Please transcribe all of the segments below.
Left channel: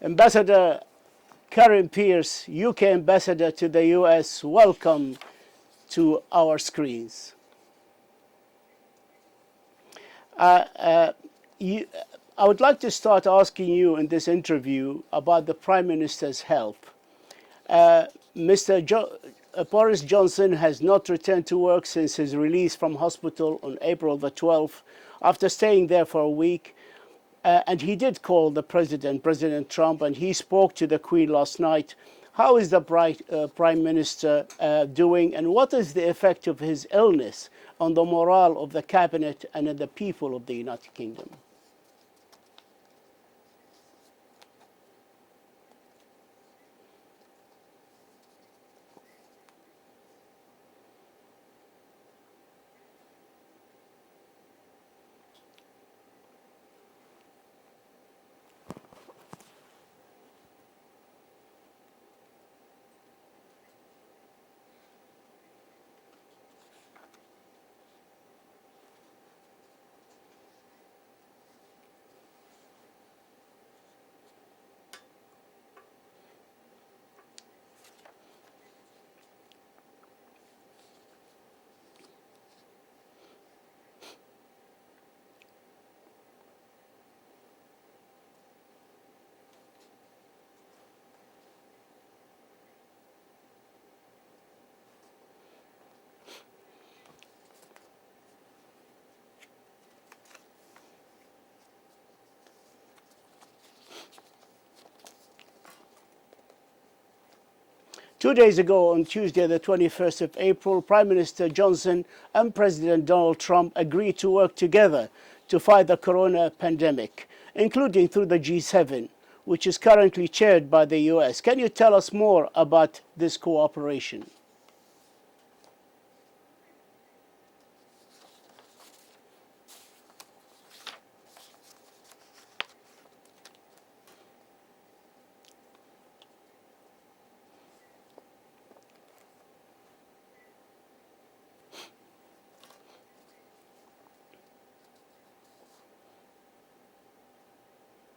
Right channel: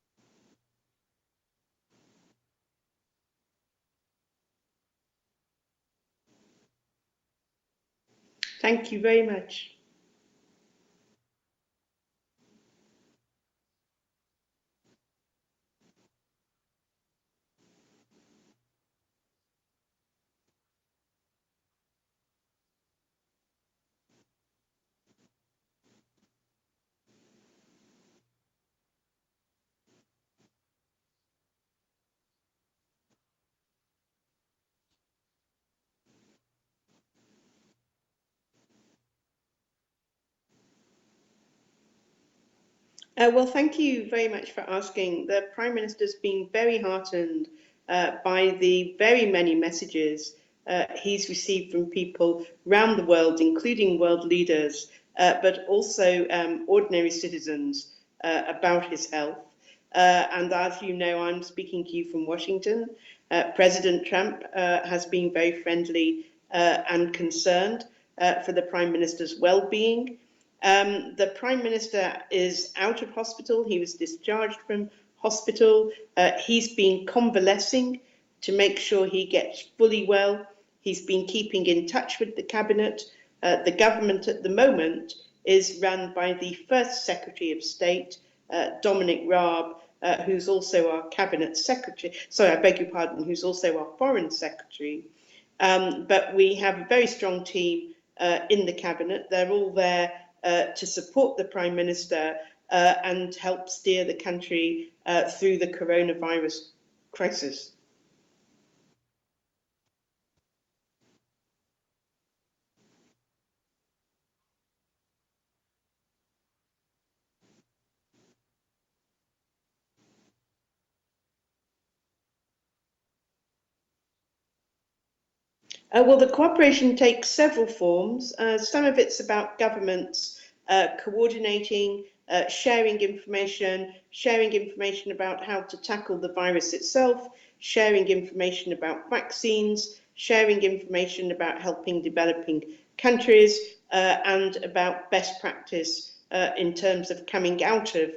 Ambassador Karen Pierce, UK Ambassador to the US, welcome to our screens. Thank you very much. I would like to start asking you in this interview about the Prime Minister's health. Boris Johnson has not returned to work since his release from hospital on April the 12th, after staying there for a week. And he did call the President Trump, and he spoke to the Queen last night. How is the Prime Minister doing, and what is the effect of his illness on the morale of the cabinet and the people of the United Kingdom? Well, thank you very much for asking. The Prime Minister's been very heartened by the very many messages he's received from people around the world, including world leaders, but also ordinary citizens about his health. And as you know, I'm speaking to you from Washington. President Trump has been very friendly and concerned for the Prime Minister's well-being. The Prime Minister is out of hospital. He was discharged from hospital. He's been convalescing to make sure he gets fully well. He's been keeping in touch with the cabinet. The government at the moment is run by the First Secretary of State, Dominic Raab, who's also our cabinet secretary. Sorry, I beg your pardon, who's also our foreign secretary. But we have a very strong team in the cabinet. They're all there to support the Prime Minister and help steer the country through the coronavirus crisis. 2 days ago, on Tuesday, the 21st of April, Prime Minister Johnson and President Donald Trump agreed to work together to fight the corona pandemic, including through the G7, which is currently chaired by the US. Can you tell us more about this cooperation? Well, the cooperation takes several forms. Some of it's about governments coordinating, sharing information about how to tackle the virus itself, sharing information about vaccines, sharing information about helping developing countries, and about best practice in terms of coming out of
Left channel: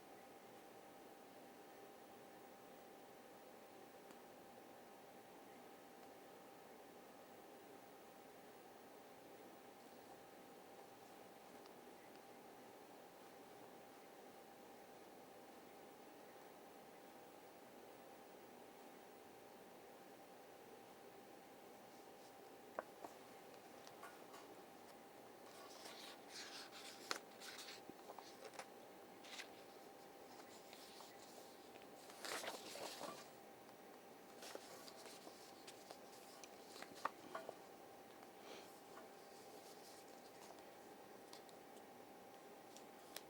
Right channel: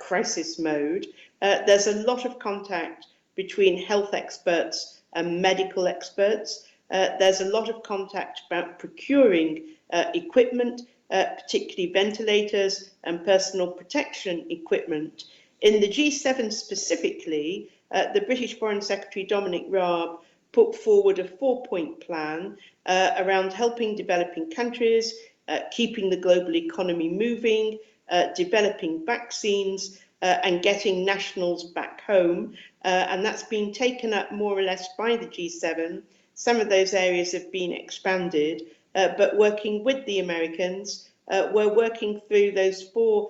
crisis mode. There's a lot of contact between health experts and medical experts. There's a lot of contact about procuring equipment, particularly ventilators and personal protection equipment. In the G7 specifically, the British Foreign Secretary Dominic Raab put forward a 4-point plan around helping developing countries, keeping the global economy moving, developing vaccines, and getting nationals back home. And that's been taken up more or less by the G7. Some of those areas have been expanded, but working with the Americans, we're working through those 4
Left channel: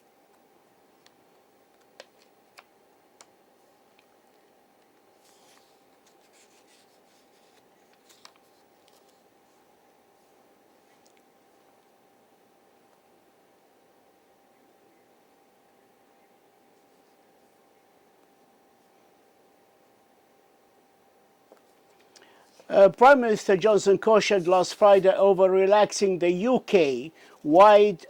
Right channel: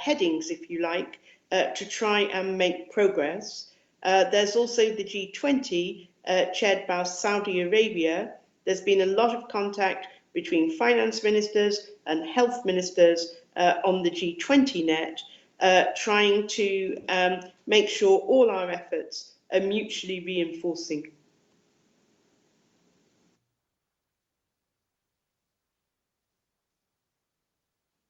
headings, if you like, to try and make progress. There's also the G20, chaired by Saudi Arabia. There's been a lot of contact between finance ministers and health ministers on the G20 net, trying to make sure all our efforts are mutually reinforcing. Prime Minister Johnson cautioned last Friday over relaxing the UK-wide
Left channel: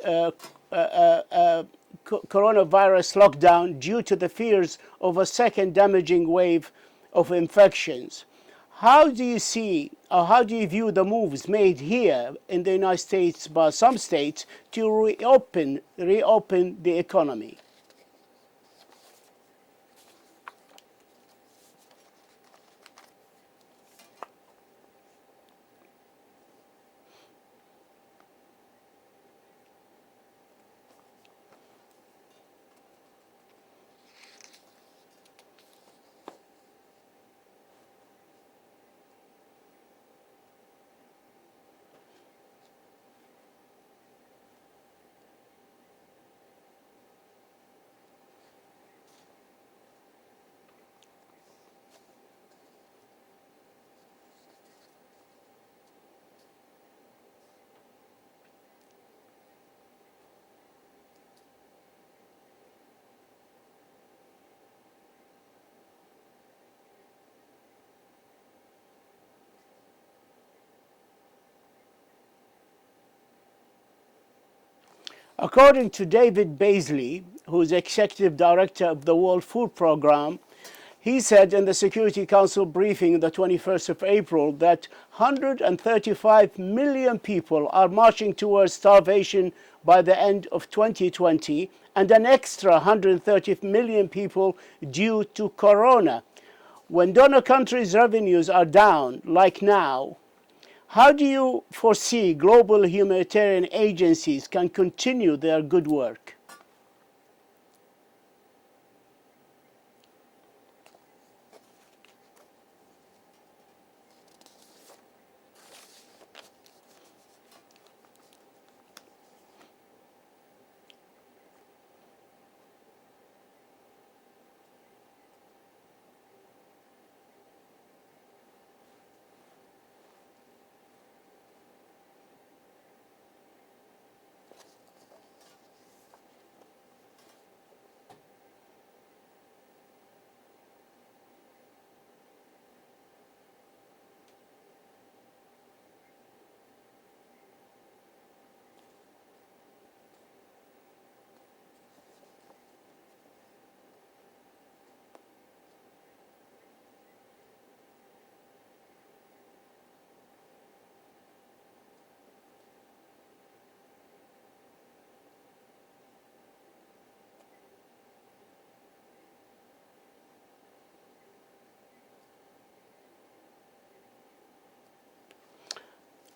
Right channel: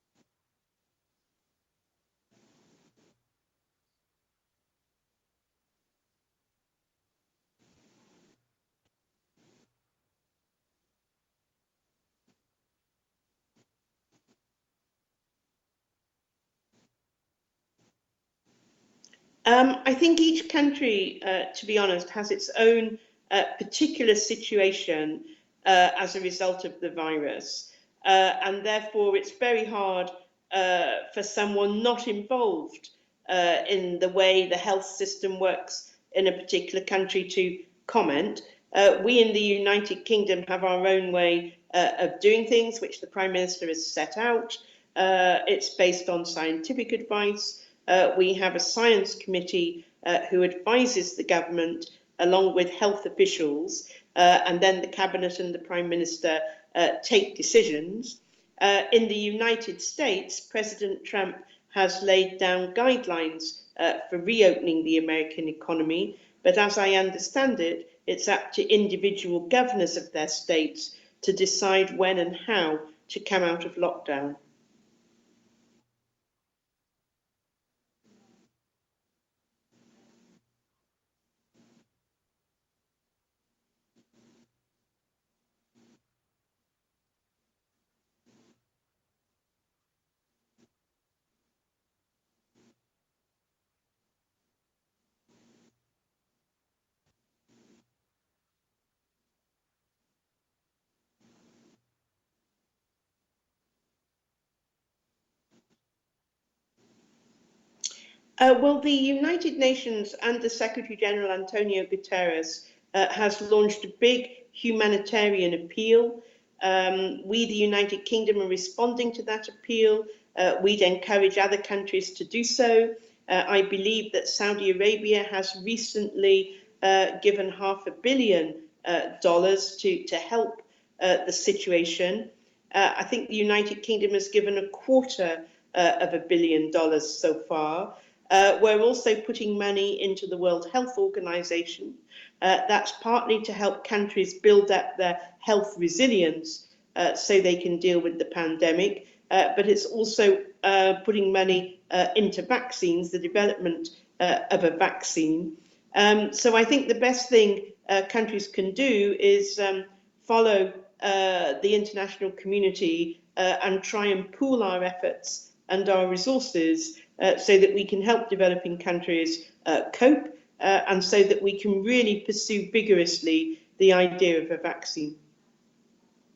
coronavirus lockdown due to the fears of a second damaging wave of infections. How do you see, or how do you view the moves made here in the United States by some states to reopen the economy? I think each country, to be honest, has its own particular situation as a result of the virus. And therefore, it's very hard for someone not involved in the way the health system works in a particular country to comment. We in the United Kingdom have our own way of doing things, which the Prime Minister has set out. It's based on scientific advice. We have a science committee who advises the government along with health officials, and then the cabinet and the Prime Minister take decisions. In the United States, President Trump has laid down guidelines for reopening the American economy, but as I understand it, it's up to individual governors of their states to decide when and how to come out of lockdown. According to David Beasley, who's executive director of the World Food Programme, he said in the Security Council briefing the 21st of April that 135 million people are marching towards starvation by the end of 2020 and an extra 130 million people due to corona. When donor countries' revenues are down, like now, how do you foresee global humanitarian agencies can continue their good work? Well, the United Nations under Secretary General Antonio Guterres has launched a big humanitarian appeal. We, the United Kingdom, are responding to that appeal. We'd encourage other countries to do so. I believe that Saudi Arabia has recently given $500 million to help the situation. I think the United Kingdom has given $250 million so far. We're also putting money into the World Health Organization. That's partly to help countries build up their health resilience so they can deal with the pandemic, but it's also putting money into vaccines, the development of a vaccine. So I think the best thing countries can do is follow the international community and try and pool our efforts and our resources so that we can help developing countries cope and so that we can really pursue vigorously the idea of a vaccine.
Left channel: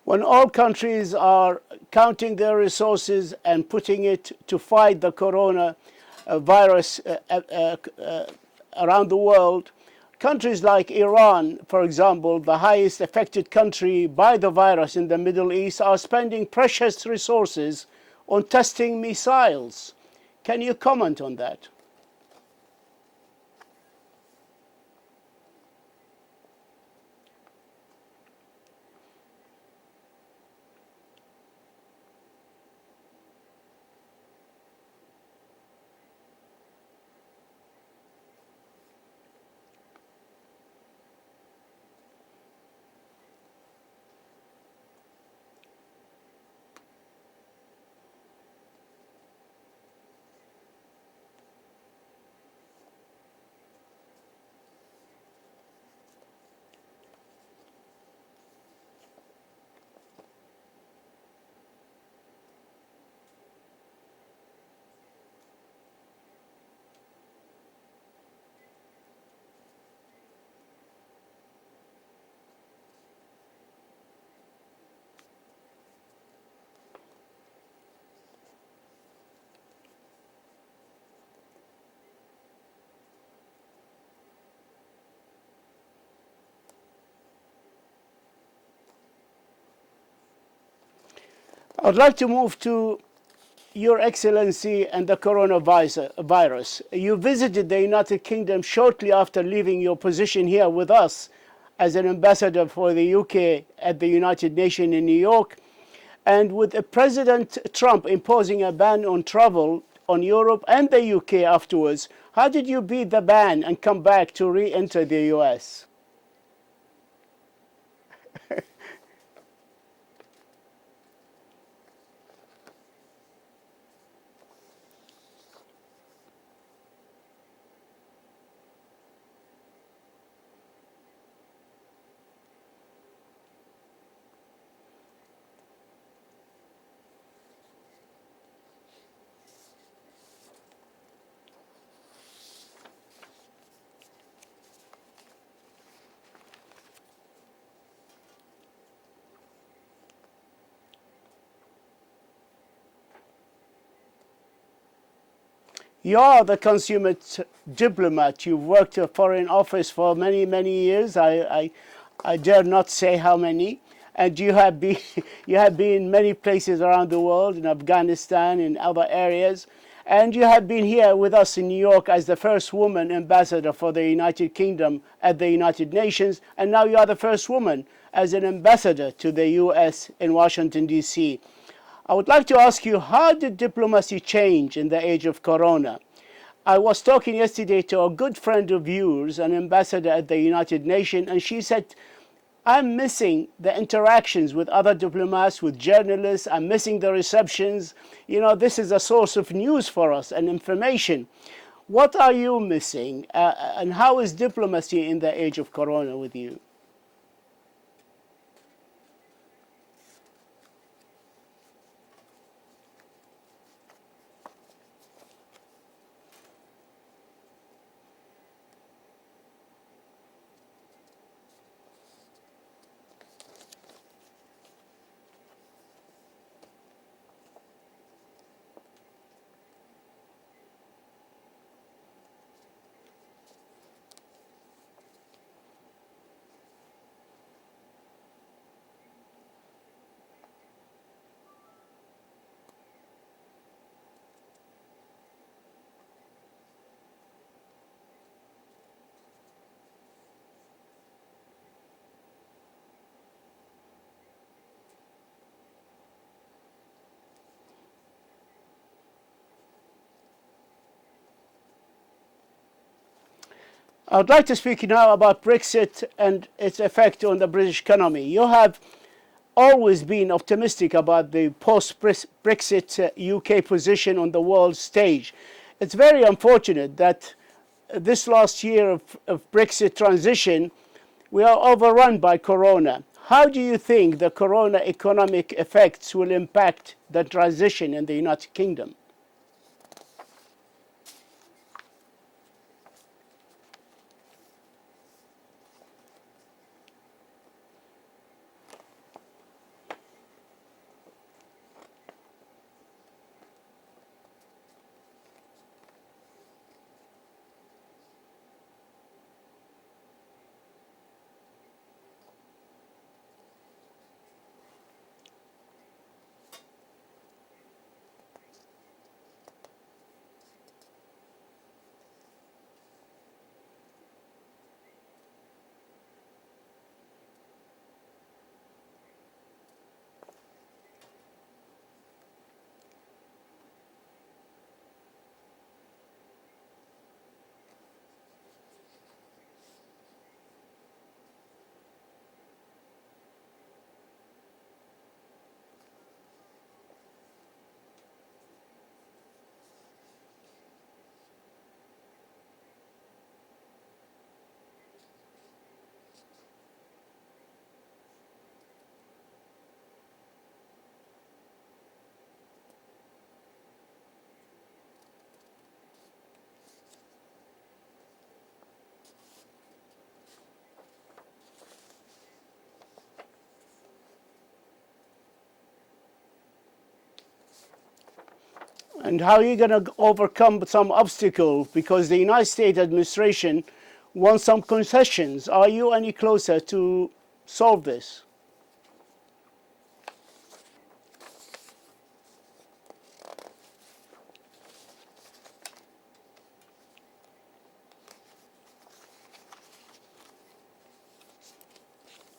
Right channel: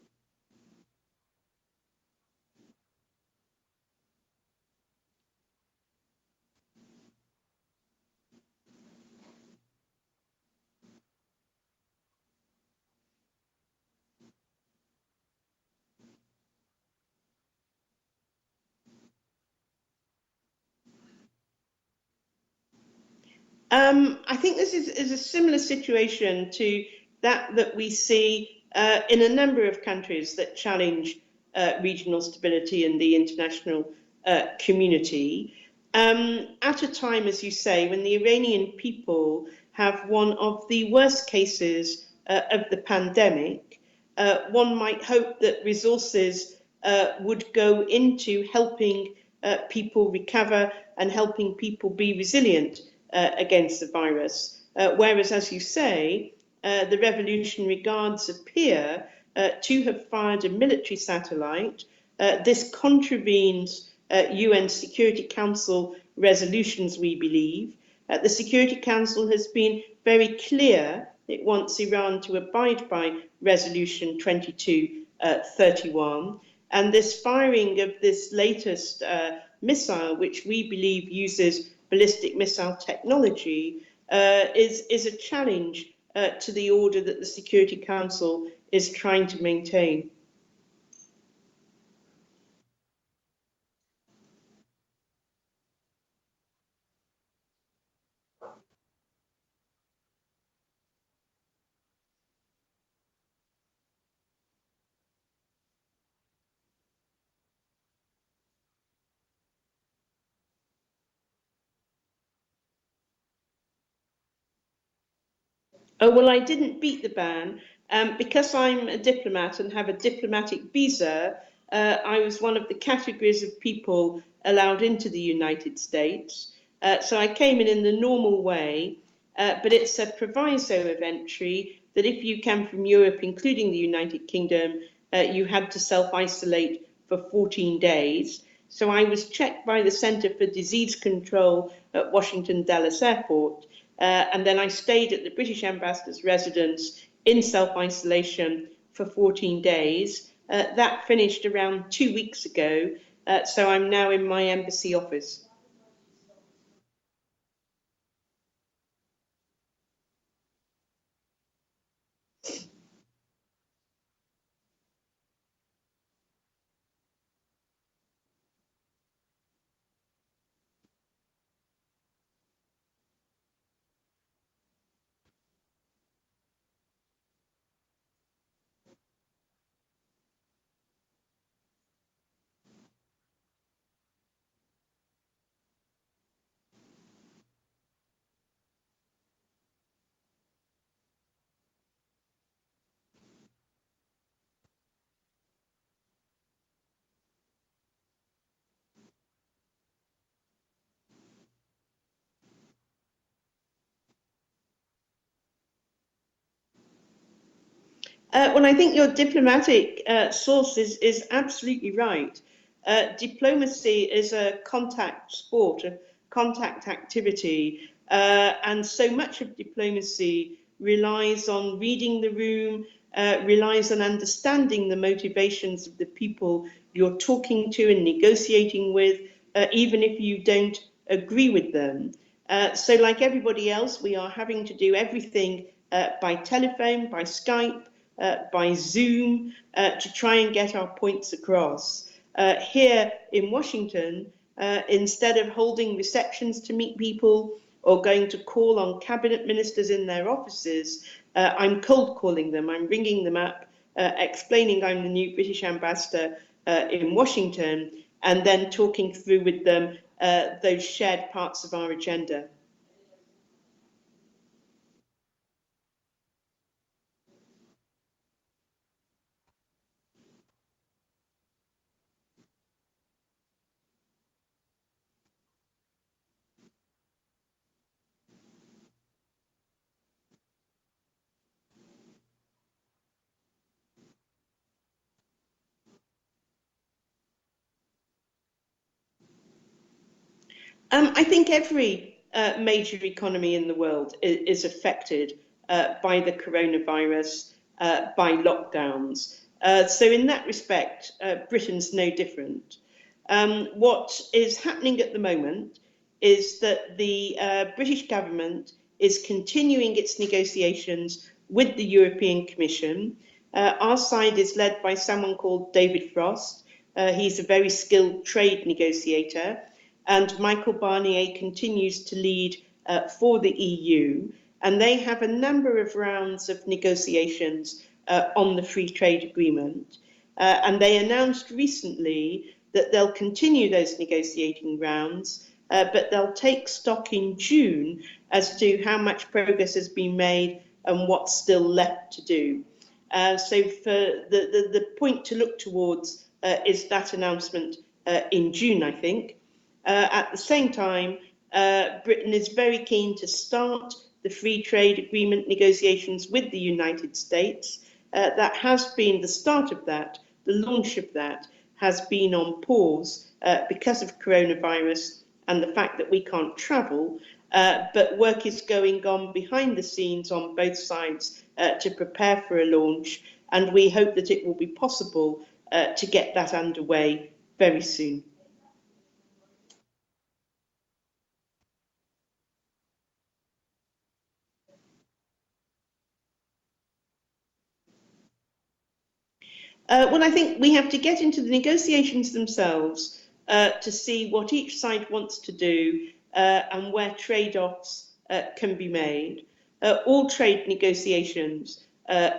When all countries are counting their resources and putting it to fight the corona virus around the world, countries like Iran, for example, the highest affected country by the virus in the Middle East, are spending precious resources on testing missiles. Can you comment on that? I think this is a similar situation to that we see in a number of countries that challenge regional stability in the international community. At a time, as you say, when the Iranian people have one of the worst cases of the pandemic, one might hope that resources would go into helping people recover and helping people be resilient against the virus. Whereas, as you say, the Revolutionary Guards appear to have fired a military satellite. This contravenes UN Security Council resolutions, we believe. The Security Council has been very clear it wants Iran to abide by Resolution 2231. And this firing of this latest missile, which we believe uses ballistic missile technology, is a challenge to the order that the Security Council is trying to maintain. I'd like to move to Your Excellency and the coronavirus. You visited the United Kingdom shortly after leaving your position here with us as an ambassador for the UK at the United Nations in New York. And with President Trump imposing a ban on travel on Europe and the UK afterwards, how did you beat the ban and come back to re-enter the US? Oh, well, I didn't beat the ban. Because I'm a diplomat and have a diplomatic visa, I was one of the categories of people allowed into the United States. So I came in the normal way, but it's a proviso of entry that if you come from Europe, including the United Kingdom, you had to self-isolate for 14 days. So I was checked by the Centre for Disease Control at Washington Dulles Airport, and then I stayed at the British Ambassador's residence in self-isolation for 14 days. That finished around 2 weeks ago, so I'm now in my embassy office. You are the consummate diplomat. You've worked at Foreign Office for many, many years. I dare not say how many. And you have been in many places around the world, in Afghanistan, in other areas. And you have been here with us in New York as the first woman ambassador for the United Kingdom at the United Nations. And now you are the first woman as an ambassador to the US in Washington, D.C. I would like to ask you, how did diplomacy change in the age of Corona? I was talking yesterday to a good friend of yours, an ambassador at the United Nations, and she said I'm missing the interactions with other diplomats, with journalists. I'm missing the receptions. You know, this is a source of news for us and information. What are you missing? And how is diplomacy in the age of Corona with you? Well, I think your diplomatic source is absolutely right. Diplomacy is a contact sport, a contact activity, and so much of diplomacy relies on reading the room, relies on understanding the motivations of the people you're talking to and negotiating with, even if you don't agree with them. So like everybody else, we are having to do everything by telephone, by Skype, by Zoom, to try and get our points across. Here in Washington, instead of holding receptions to meet people or going to call on cabinet ministers in their offices, I'm cold calling them. I'm ringing them up, explaining I'm the new British ambassador in Washington, and then talking through with them those shared parts of our agenda. I would like to speak now about Brexit and its effect on the British economy. You have always been optimistic about the post-Brexit UK position on the world stage. It's very unfortunate that this last year of Brexit transition, we are overrun by Corona. How do you think the Corona economic effects will impact the transition in the United Kingdom? I think every major economy in the world is affected by the coronavirus, by lockdowns. So in that respect, Britain's no different. What is happening at the moment is that the British government is continuing its negotiations with the European Commission. Our side is led by someone called David Frost. He's a very skilled trade negotiator, and Michael Barnier continues to lead for the EU, and they have a number of rounds of negotiations on the free trade agreement, and they announced recently that they'll continue those negotiating rounds, but they'll take stock in June as to how much progress has been made and what's still left to do. So for the point to look towards is that announcement in June, I think. At the same time, Britain is very keen to start the free trade agreement negotiations with the United States. That has been the start of that, the launch of that has been on pause because of coronavirus and the fact that we can't travel, but work is going on behind the scenes on both sides to prepare for a launch, and we hope that it will be possible to get that underway very soon. And how are you going to overcome some obstacles? Because the United States administration wants some concessions. Are you any closer to solve this? Well, I think we have to get into the negotiations themselves to see what each side wants to do and where trade-offs can be made. All trade negotiations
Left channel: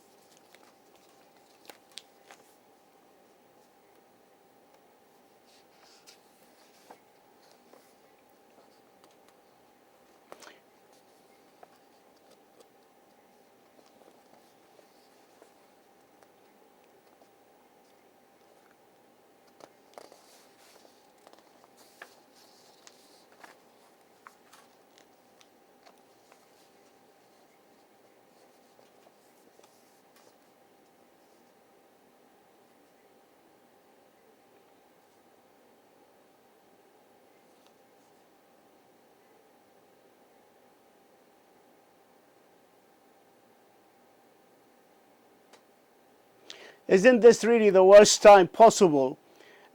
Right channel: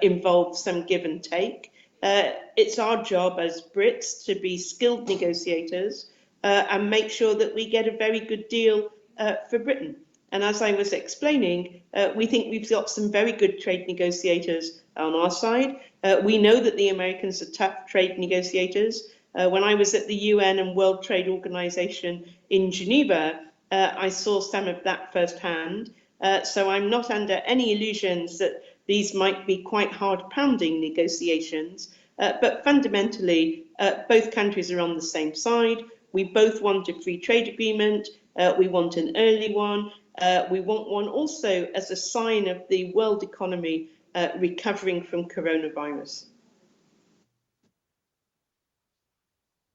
involve some give and take. It's our job as Brits to be skilled negotiators and make sure that we get a very good deal for Britain. And as I was explaining, we think we've got some very good trade negotiators on our side. We know that the Americans are tough trade negotiators. When I was at the UN and World Trade Organization in Geneva, I saw some of that firsthand. So I'm not under any illusions that these might be quite hard-pounding negotiations. But fundamentally, both countries are on the same side. We both want a free trade agreement. We want an early one. We want one also as a sign of the world economy recovering from coronavirus. Isn't this really the worst time possible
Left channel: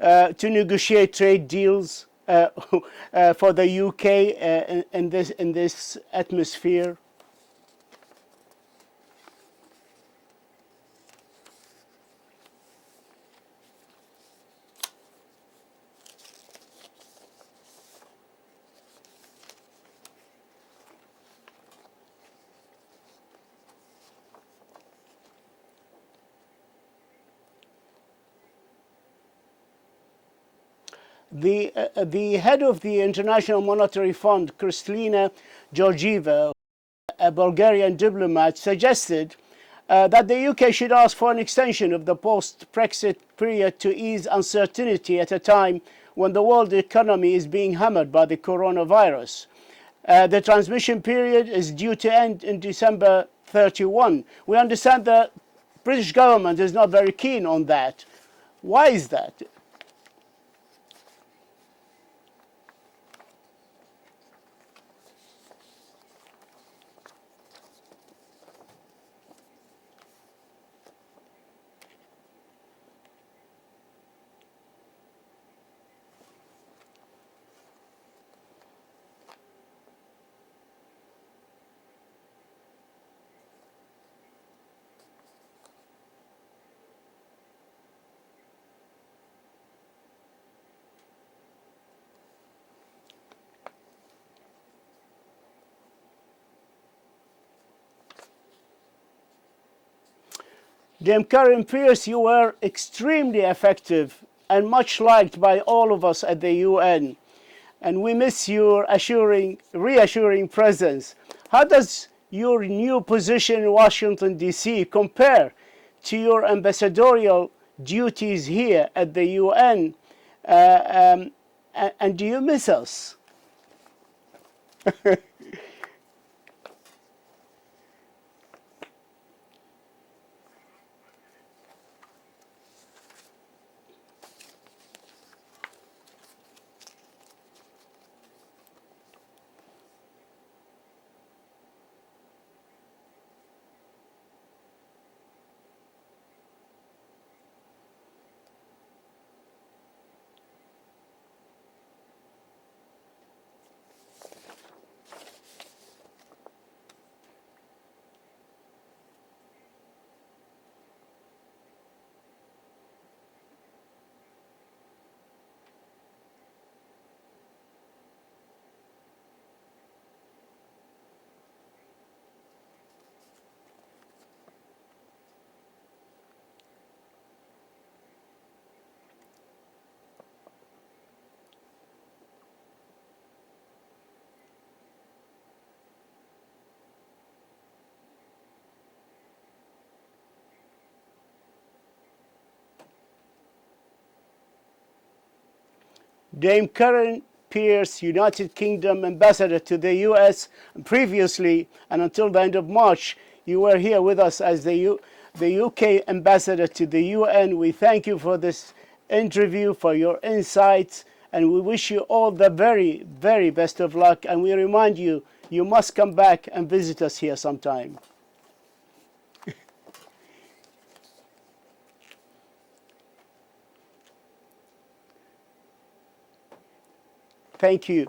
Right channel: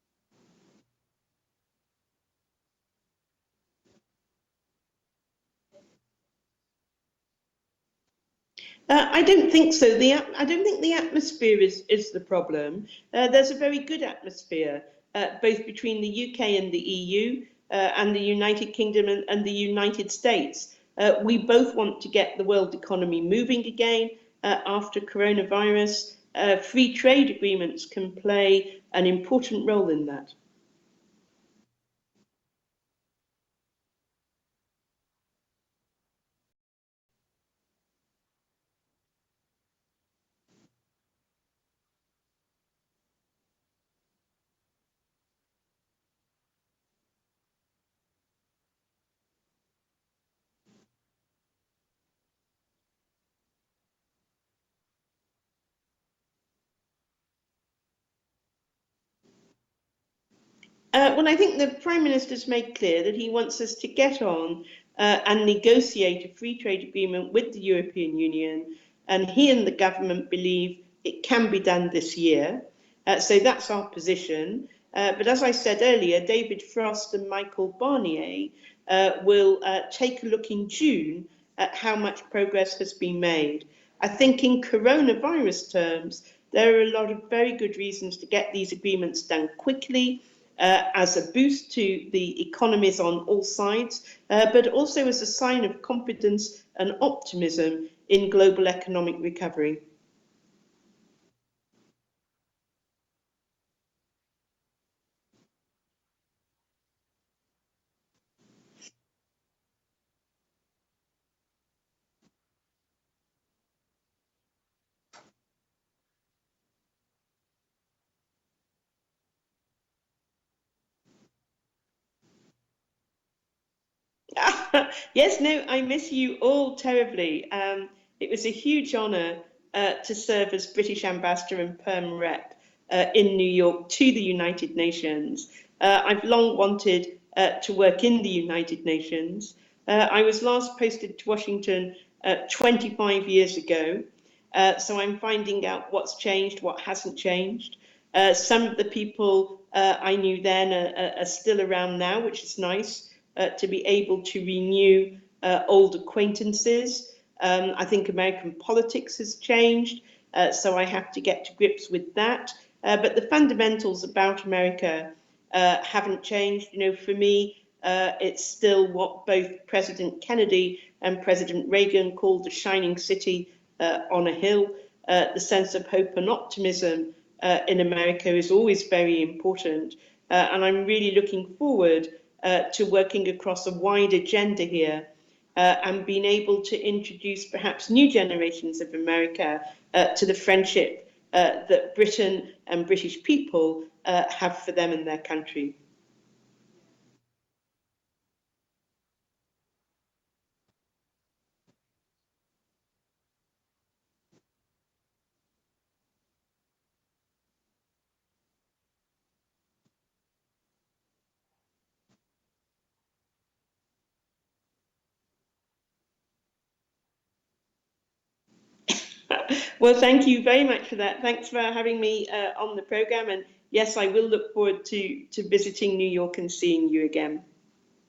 to negotiate trade deals for the UK in this atmosphere? I don't think so. I don't think the atmosphere is the problem. There's a very good atmosphere, both between the UK and the EU, and the United Kingdom and the United States. We both want to get the world economy moving again after coronavirus. Free trade agreements can play an important role in that. The head of the International Monetary Fund, Kristalina Georgieva, a Bulgarian diplomat, suggested that the UK should ask for an extension of the post-Brexit period to ease uncertainty at a time when the world economy is being hammered by the coronavirus. The transmission period is due to end in December 31. We understand the British government is not very keen on that. Why is that? Well, I think the Prime Minister's made clear that he wants us to get on and negotiate a free trade agreement with the European Union, and he and the government believe it can be done this year. So that's our position. But as I said earlier, David Frost and Michael Barnier will take a look in June at how much progress has been made. I think in coronavirus terms, there are a lot of very good reasons to get these agreements done quickly, as a boost to the economies on all sides, but also as a sign of confidence and optimism in global economic recovery. Dame Karen Pierce, you were extremely effective and much liked by all of us at the UN, and we miss your reassuring presence. How does your new position in Washington, D.C. compare to your ambassadorial duties here at the UN? And do you miss us? Yes, no, I miss you all terribly. It was a huge honour to serve as British Ambassador and Perm Rep in New York to the United Nations. I've long wanted to work in the United Nations. I was last posted to Washington 25 years ago, so I'm finding out what's changed, what hasn't changed. Some of the people I knew then are still around now, which is nice to be able to renew old acquaintances. I think American politics has changed, so I have to get to grips with that. But the fundamentals about America haven't changed. You know, for me, it's still what both President Kennedy and President Reagan called the shining city on a hill. The sense of hope and optimism in America is always very important, and I'm really looking forward to working across a wide agenda here and being able to introduce perhaps new generations of America to the friendship that Britain and British people have for them and their country. Dame Karen Pierce, United Kingdom Ambassador to the US, previously and until the end of March, you were here with us as the UK Ambassador to the UN. We thank you for this interview, for your insights, and we wish you all the very, very best of luck. And we remind you, you must come back and visit us here sometime. Well, thank you very much for that. Thanks for having me on the programme. And yes, I will look forward to visiting New York and seeing you again. Thank you.